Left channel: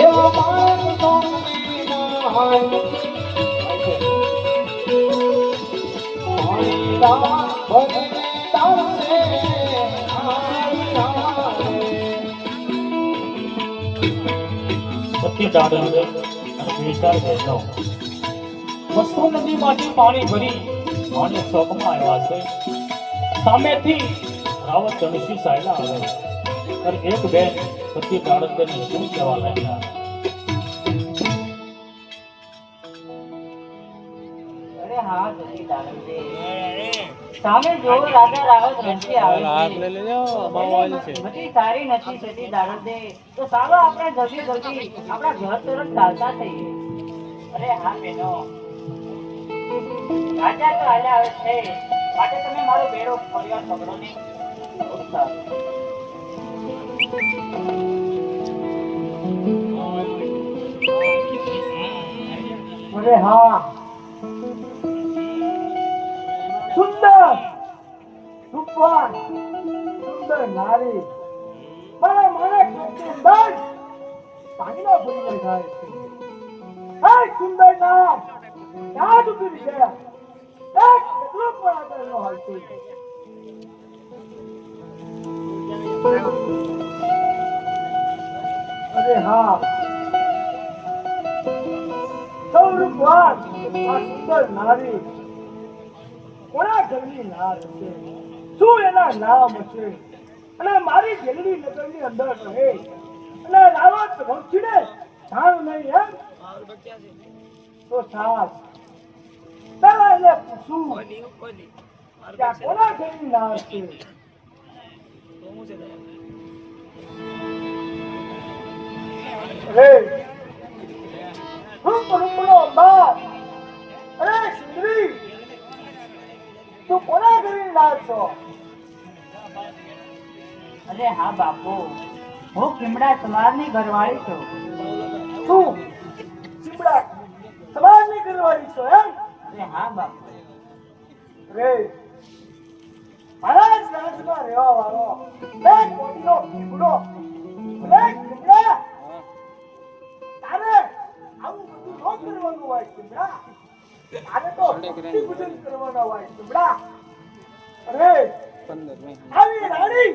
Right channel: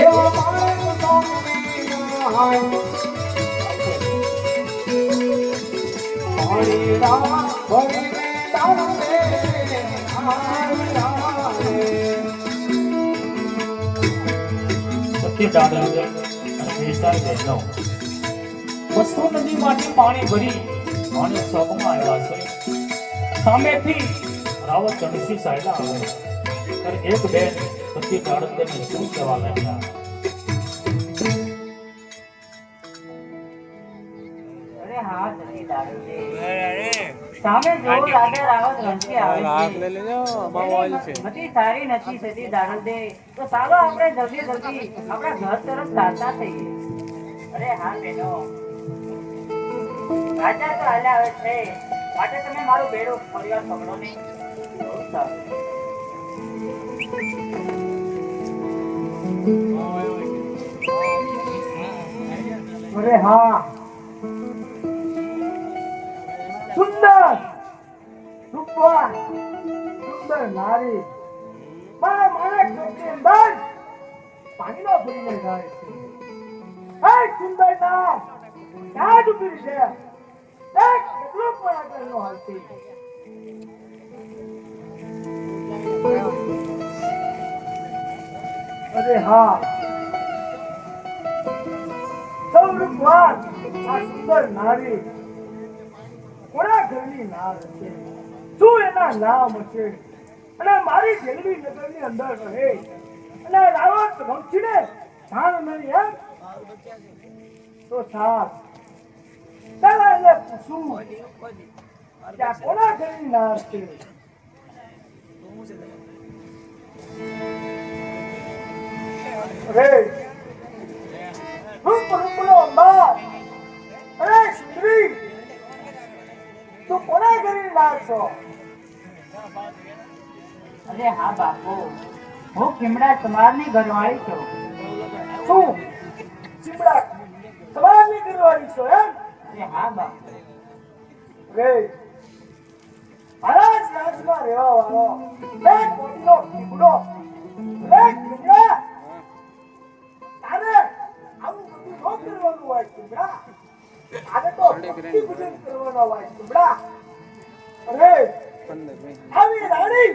એવા માણસ મોંઘી મનહાય હરી રામ ભરીને તારે સખી દાડે અને વિચાર દેનો વસ્તુ નદીમાંથી પાણી ભરી અને સ્વર્ગમાં આવ્યા છે. સામેથી રાવત ધનુષી સાયલા આવે અને એક બેન સતી કાળંદેને શું કહેવા લાગ્યા. અરે હા સતી દાડે સામે જોવો રાજા રાવત રણથી આવે છે. બધી સારી નથી સતી દાડે તો ચાલો આપણે જલ્દી જલ્દી આપણા ઘર તરફ ચાલતા થઈએ. અરે હા બેનો રાજા તો હાલ્યા આવે છે માટે તમે મારો બેડો પરિવાર પકડો નહીં. અરે હા સુંદર રૂપવાન સુંદર નારી મારા માણસની અંદર પાણીનો ભરીને જાય છે. હે સુંદર ના ક્યાં ડૂબી છે એક કેટલું પણ આગળ ન હાલતી. અરે હા સૌરભવાન આ સુંદર નારી કોના ઘરની નાર હશે? શું એના નામ હશે? અને મારી જેલવી નગરની અંદર રહે અને રાવત વંશીને જાણ નહીં એમ તો સાહેબ તારા એને પૂછું કે આ કોના ઘરની નાર છે? અરે રૂપ રૂપનો અંબાર અરે સુંદરી તું કોના ઘરની નાર છો? અરે હા બાપુ હું કિમડા તમારની ઘરવાળી છું. તું ચીપડા તમારી ઘરવાળી છો એમ? અરે હા બાપુ રે મારા જ રાજમાં રહેવા વાળો એક મોટીનો પીપળો એક ચીપડા તારે આવું બધું ન કરવાનું હોય ચીપડા. આને તો ભક્તિ પૂજન કરવાનો હોય ચીપડા. અરે આવી રાણી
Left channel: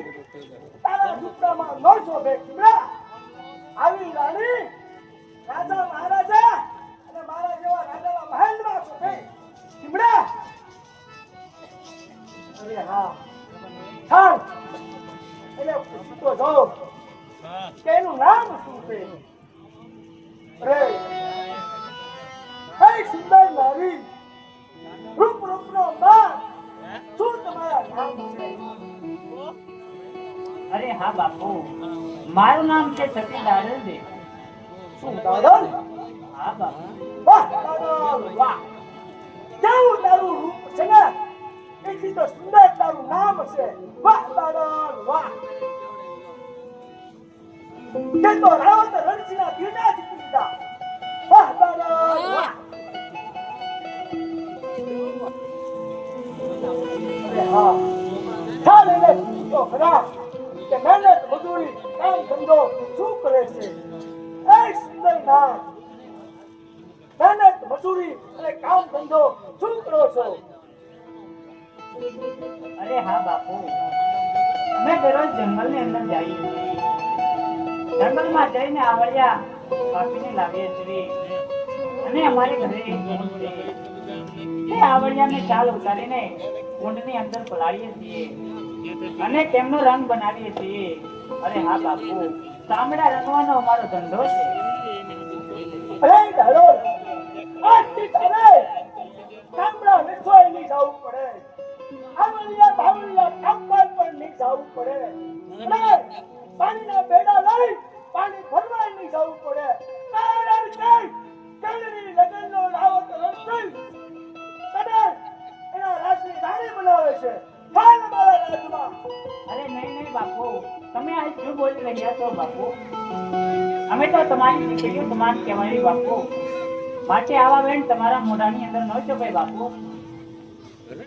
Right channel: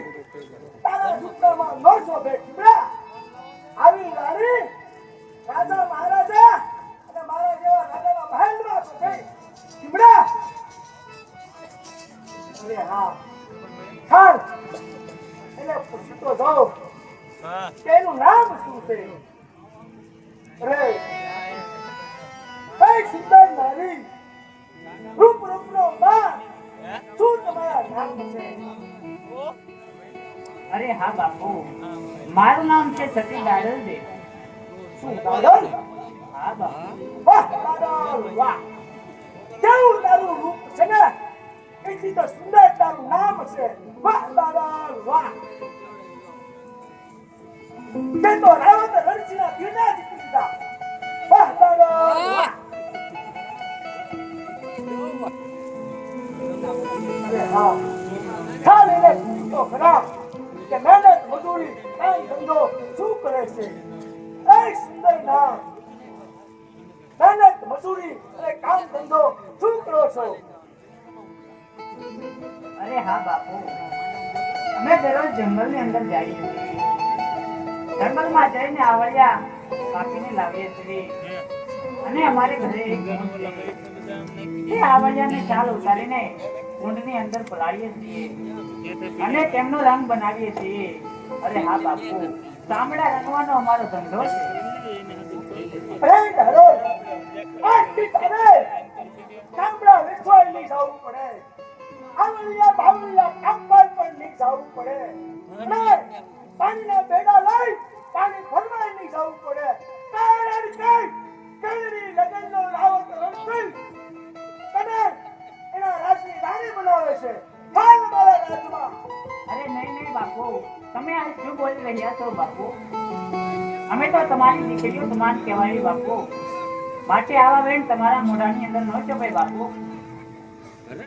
તારા સૂત્રમાં ન શોભે ચીપડા. આવી રાણી રાજા મહારાજા અને મારા જેવા રાજાના મહેલમાં શોભે ચીપડા. અરે હા ચાલ એને પૂછતો જાઉં કે એનું નામ શું છે? અરે કઈ સુંદર નારી રૂપ રૂપનો બાર શું તમારા નામ છે? અરે હા બાપુ મારું નામ છે સતી દાડે. શું દાદા? હા બાપુ વાહ દાદા વાહ કેવું તારું રૂપ છે ને એટલી તો સુંદર તારું નામ છે. વાહ દાદા વાહ તે તો રાવત રણસીના દીના જીતી લીધા. વાહ દાદા વાહ. અરે હા ચાલ એને પૂછતો ખરા કે મહેનત મજૂરી કામ ધંધો શું કરે છે? એ સુંદર નામ મહેનત મજૂરી અને કામ ધંધો શું કરો છો? અરે હા બાપુ અમે દરરોજ જંગલની અંદર જઈએ છીએ. જંગલમાં જઈને આવળિયા કાપીને લાવીએ છીએ અને અમારે ઘરે એક બેન છે તે આવળિયાને ચાલ ઉતારીને કુંડની અંદર પલાળીએ છીએ અને તેમનો રંગ બનાવીએ છીએ. અરે હા બાપુ ચામડા રંગવાનો અમારો ધંધો છે. અરે ધારો આજથી તારે ગામડા વેચવાય નહીં જવું પડે. આવલિયા બાવલિયા કામકાજ પણ નહીં જવું પડે. અરે પાણીના બેડા લઈ પાણી ભરવાય નહીં જવું પડે. કારણ કે કેળવી લગનનો રાવત રણછોડ તને એના રાજની રાણી બનાવે છે. ચાલ મારા રાજમાં. અરે નહીં નહીં બાપુ તમે આ શું બોલી રહ્યા છો બાપુ? અમે તો તમારી દીકરીઓ તમારી કહેવાય બાપુ. માટે આવા બેન તમારા મોઢાની અંદર ન ચોપાય બાપુ. અરે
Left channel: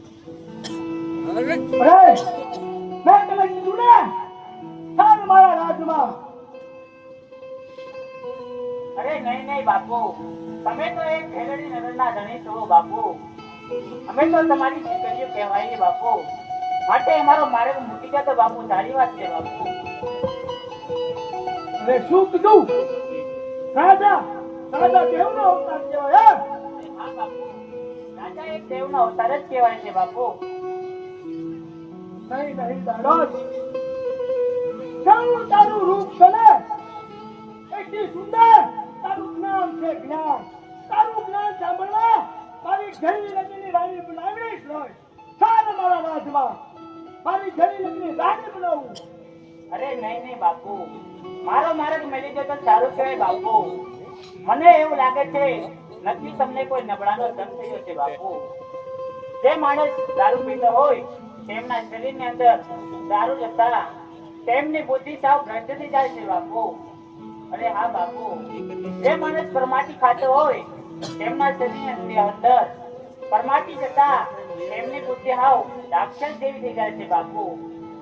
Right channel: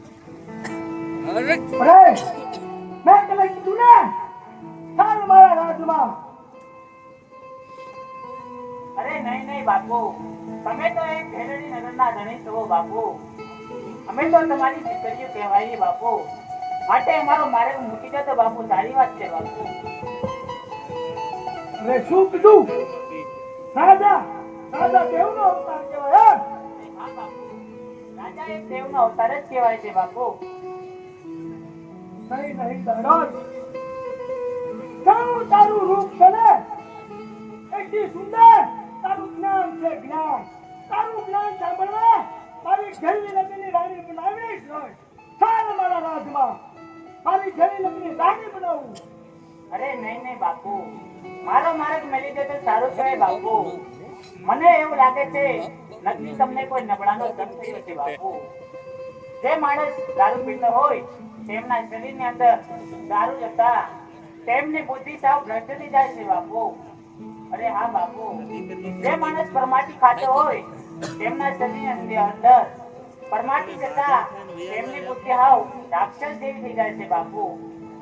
મેં તને કીધું ને ચાલ મારા રાજમાં. બાપુ, તમે તો એક ભેરડી નગરના ધણી છો બાપુ. અમે તો તમારી દીકરીઓ કહેવાય બાપુ. માટે અમારો માર્ગ મૂકી દો તો બાપુ સારી વાત છે બાપુ. હવે શું કીધું? રાજા રાજા દેવનો અવતાર કહેવાય એમ? હા બાપુ, રાજા એક દેવનો અવતાર જ કહેવાય છે બાપુ. નહીં નહીં દાડોદ, કેવું તારું રૂપ બને, એટલી સુંદર તારું જ્ઞાન છે જ્ઞાન. તારું જ્ઞાન સાંભળવા મારી ઘેરી લગ્નની રાણી બનાવવી જ હોય. ચાલ મારા રાજમાં મારી ઘેરી લગ્નની રાણી બનાવું. અરે નહીં નહીં બાપુ, મારો માર્ગ મેલી દો તો સારું કહેવાય બાપુ. મને એવું લાગે છે નક્કી તમને કોઈ નબળાનો જન્મ થયો છે બાપુ. જે માણસ દારૂ પીતો હોય તેમના શરીરની અંદર દારૂ જતા તેમની બુદ્ધિ સાવ ભ્રષ્ટ થઈ જાય છે બાપુ. અરે હા બાપુ, જે માણસ પરમાટી ખાતો હોય તેમના શરીરની અંદર પરમાટી જતા તેમની બુદ્ધિ હાવ રાક્ષસ જેવી થઈ જાય છે બાપુ.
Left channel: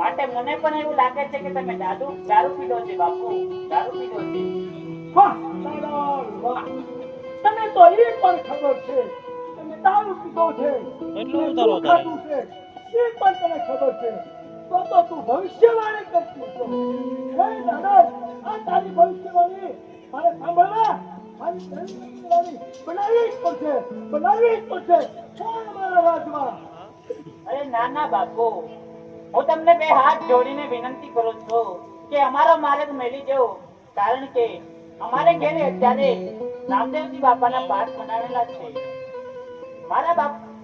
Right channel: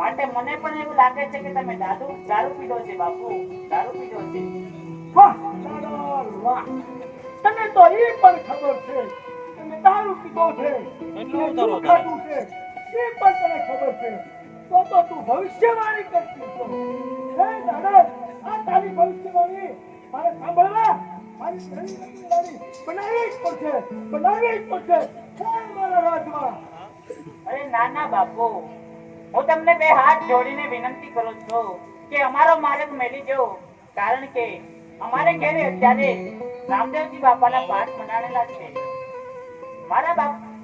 માટે મને પણ એવું લાગે છે કે તમે દારૂ પીધો છે બાપુ, દારૂ પીધો છે. વાહ દાડોદ વાહ, તને તો એ પણ ખબર છે તમે દારૂ પીધો છે, એટલું અને ઉતારો શું ખાધું છે એ પણ તને ખબર છે. તો તું ભવિષ્યવાણી કરતી છો. હે દાડોદ, આ તારી ભવિષ્યવાણી મારે સાંભળવા મારી ઘણી ભવિષ્યવાણી બનાવવી જ પડશે, બનાવવી જ પડશે. ચાલ મારા રાજમાં. અરે ના ના બાપુ, હું તમને બે હાથ જોડીને વિનંતી કરું છું કે અમારો માર્ગ મેલી જવો. કારણ કે અમારે ઘરે અત્યારે રામદેવજી બાપાના પાઠ મંડાણેલા છે.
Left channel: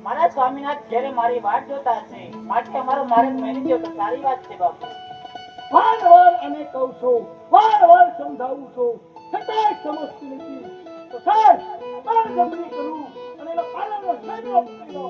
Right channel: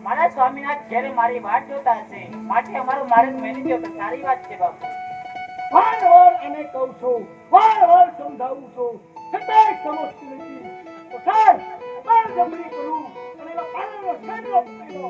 મારા સ્વામીનાથ ઘરે મારી વાટ જોતા હશે. માટે અમારો માર્ગ મેલી જવો તો સારી વાત છે બાપુ. વારંવાર અને કહું છું, વારંવાર સમજાવું છું, છતાંય સમજતી નથી. તો સાહેબ બળજબરી કરું અને એના પાલનનો છેડો કરી દો.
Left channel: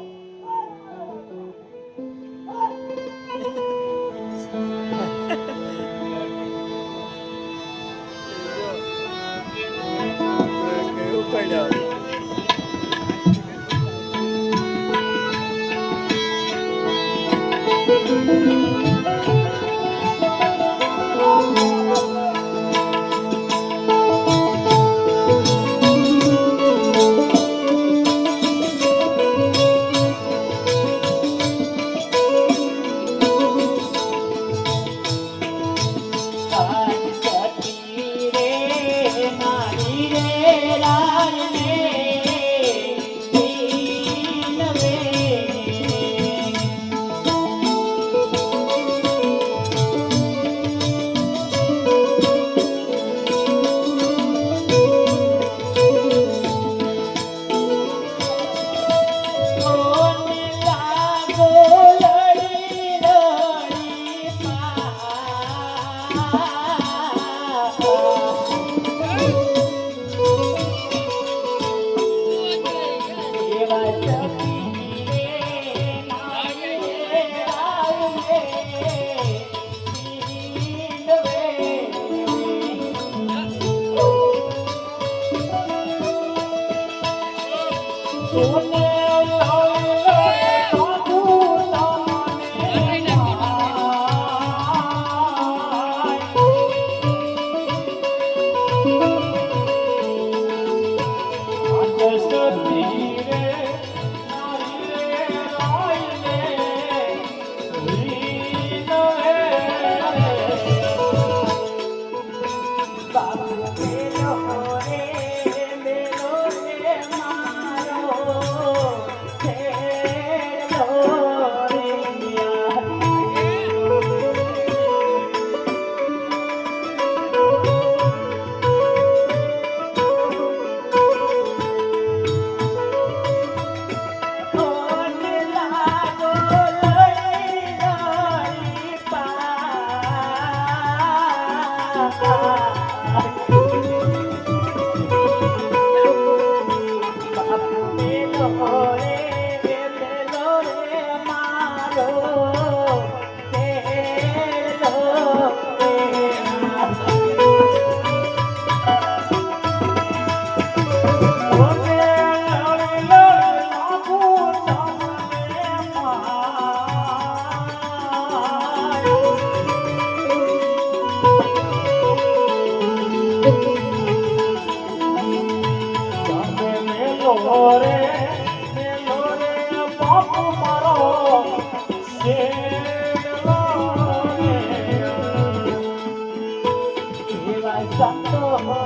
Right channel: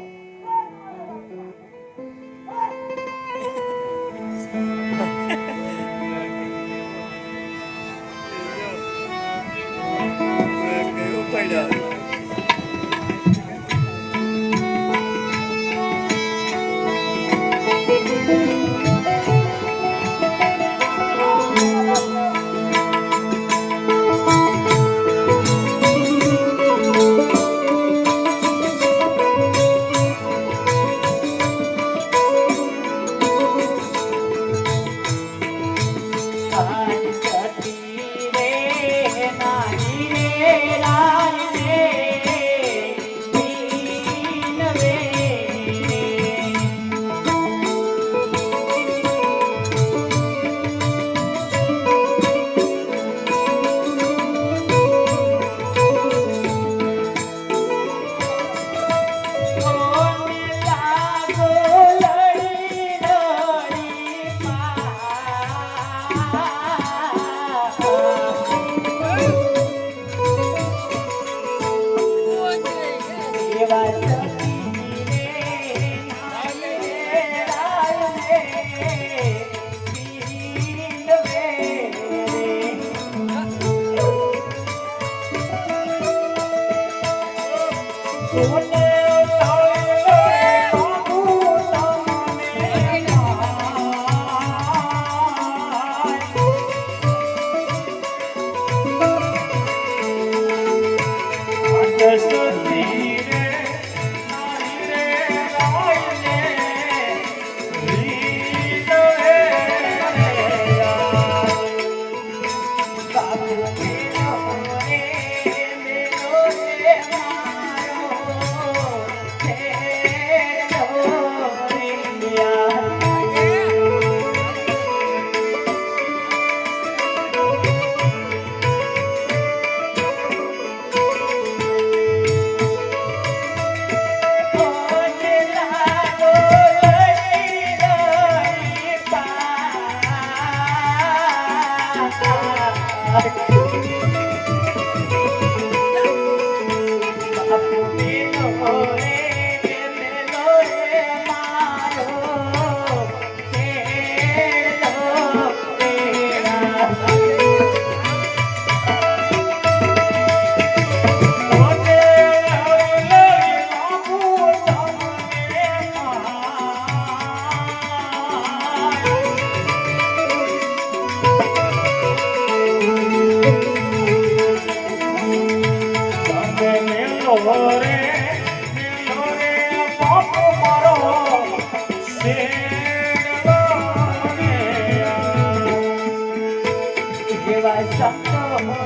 એવા સંતો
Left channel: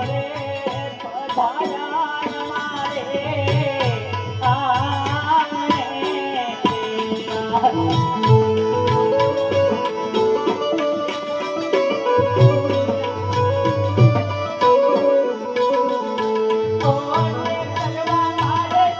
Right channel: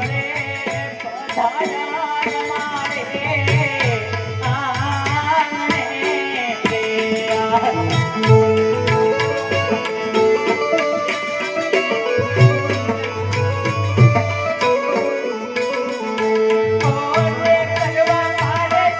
રે પધાર્યા મારે આંગણે ઓરે કરવા મારે સેવાના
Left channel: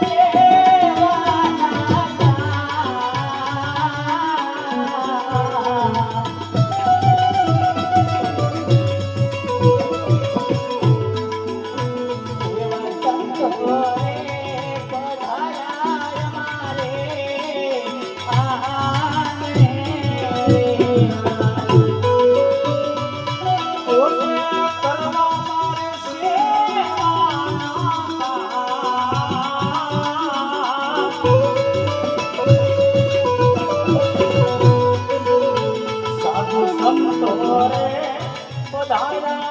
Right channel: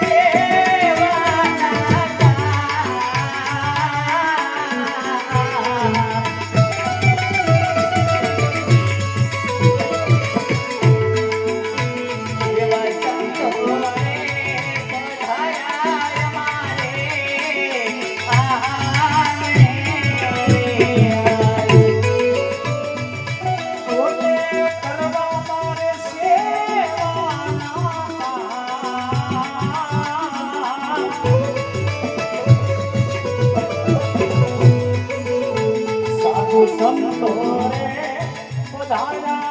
સાધુ સંતો રે પધાર્યા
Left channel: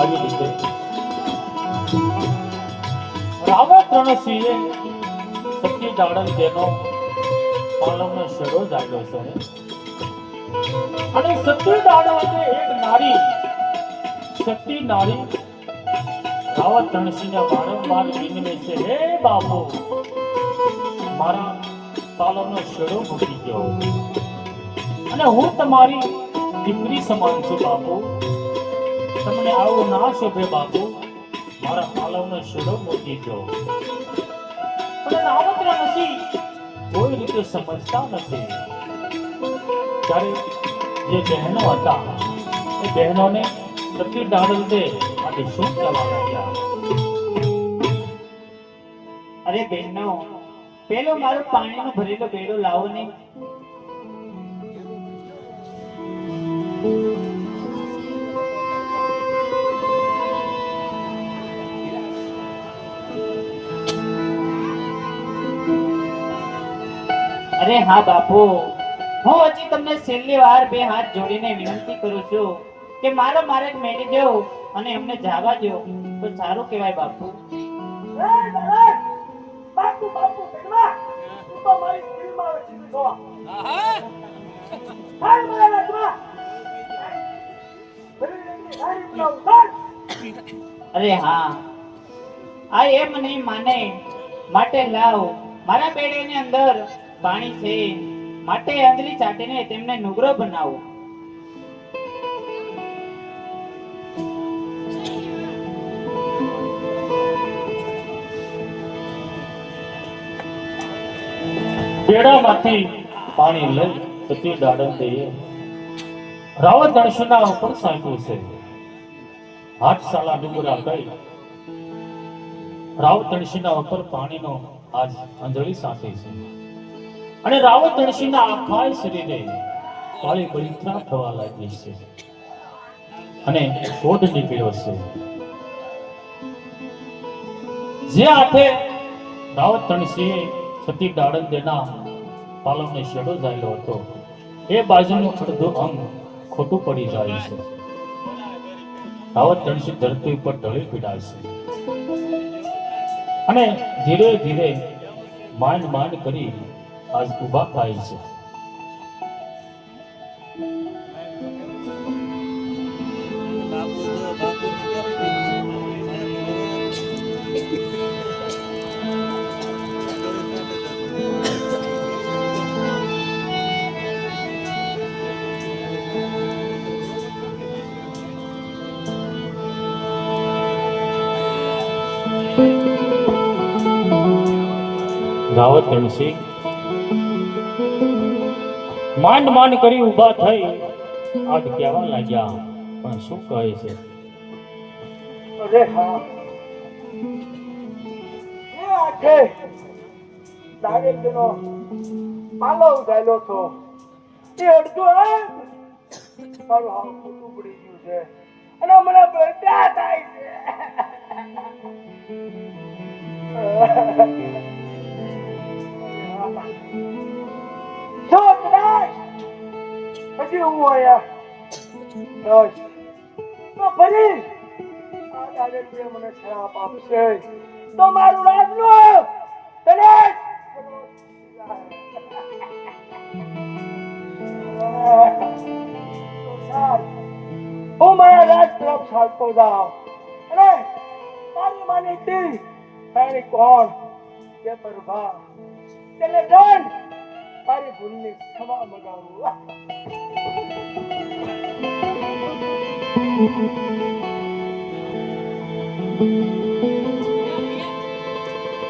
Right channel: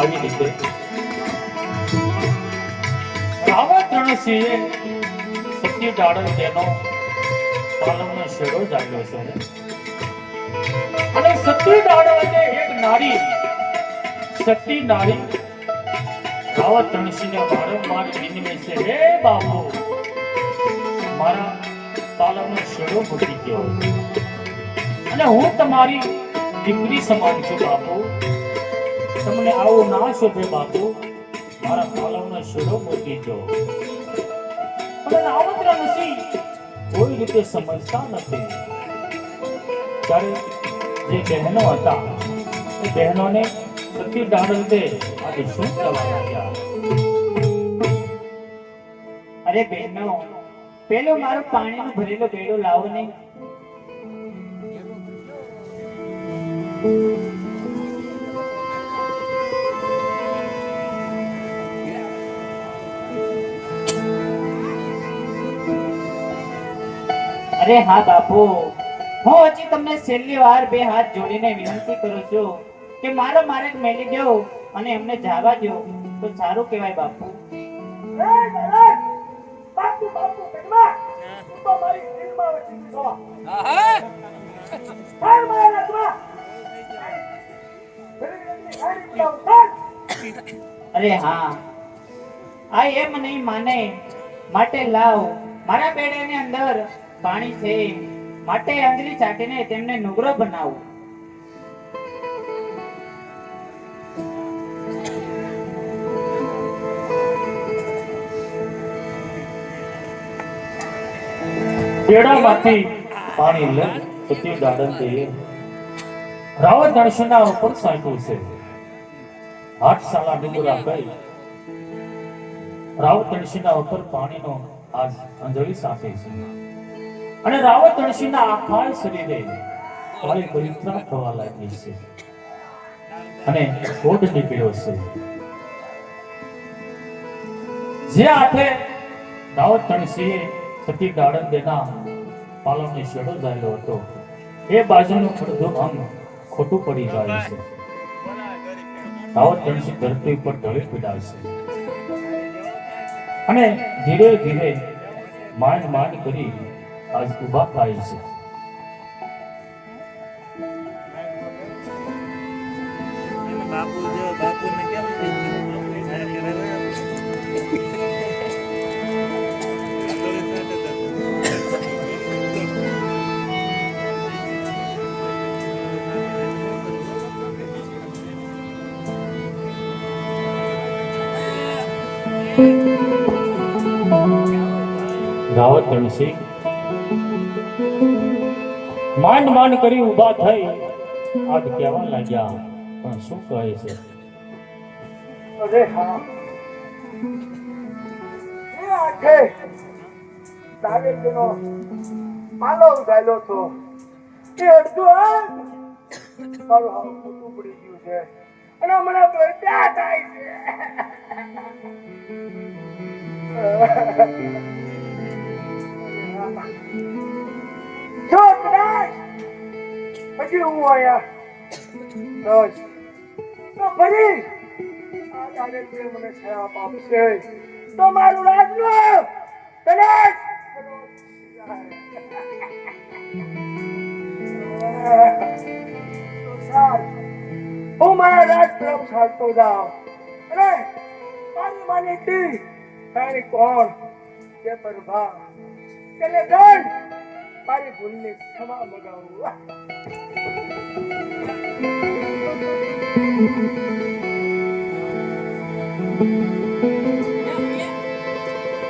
આવી રીતે રાવત રણસિંહે સત્ય જાડલ તેનો પાલવનો શેડો જાગ્યો છે અને સત્ય જાડલ એટલે એક નારી સતી નારી રાવત રણસિંહને વારંવાર વિનમે છે હે બાપુ મારા પાલવનો શેડો મૂકી ગયો અને હું તમારી દીકરી સમાન છું બાપુ તમને આવું ના શોભે બાપુ મારા પાલવનો શેડો મૂકી દો અને રાવત રણસિંહ કોઈ રીતે સમજતા નથી ત્યારે જે બહેનો હતા એ બહેનોને સતી દાડલ દે આજે શું કરવા લાગ્યા અરે બહેનો પેલો મારો પાણીનો ભરેલો બેડો લાવો ને અરે હા બાપુ હું હજી તમને છેલ્લી વાર બે હાથ જોડીને વિનંતી કરું છું કે મારો માર્ગ મેલી દો અને એમને જવા દો તો સારું કહેવાય બાપુ બાપુ બાપુ બેટમાં તું તો મારી દિલમાં વસી છો પણ મારા રત્ના અરે હા આ એમ નહીં માને માટે લાવ મારા બેડાની અંદર પાણી છે માટે આંગળી ચાટીને તેમને નુગરો બનાવો બેડામાંથી પાણી લઈ સતી દાડલ દે રાવત રણસિંહના ઉપર સાંટ્યું છે હાથશાળા ડુંગરા કહી રાવ તણસીના ઉપર પાણીનો આજ અંજળી સાથે છે અને રાવત તણસીના આખા શરીરે કાળી પવિત્રા થવા લાગી છે અને કોઢ નીકળ્યો છે. જે હાથે રાવત તણસીએ સતી દાડંદેના પાલવને શેડો ઝાલ્યો હતો એ બાજુનું અડધું અંગ ખોટું પડી જાય છે. રાવત તણસી ધરતી ઉપર ઢળી પીડાય છે અને ધીરે ધીરે માંડ માંડ કરી આજ ઊભા થાય છે. રાવત તણસી માંડ માંડ કરી ઊભા થઈ આજ કહેવા લાગ્યા, પણ શું કહે છે? અરે હા, એ આખે દાડેકનો પાલવ ઝાલ્યો તો એ અડધું અંગ મારું હાવ ખોટું પડી ગયું છે અને મને બળતા થાય છે. જો કદાચ પછી હું આયા તો ફરી આ દાડેકએ મને શ્રાપ આપશે તો મારું રાજનું કદાચ હું મારા રાજ તરફ ચાલતો જાઉં અને મારી માનીતી તારી કોણ કે પ્રભા તેને દંડ મારી ભૂલની ક્ષમા મગાવું.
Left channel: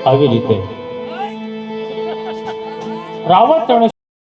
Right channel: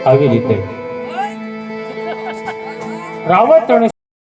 આવી રીતે રાવત તણસી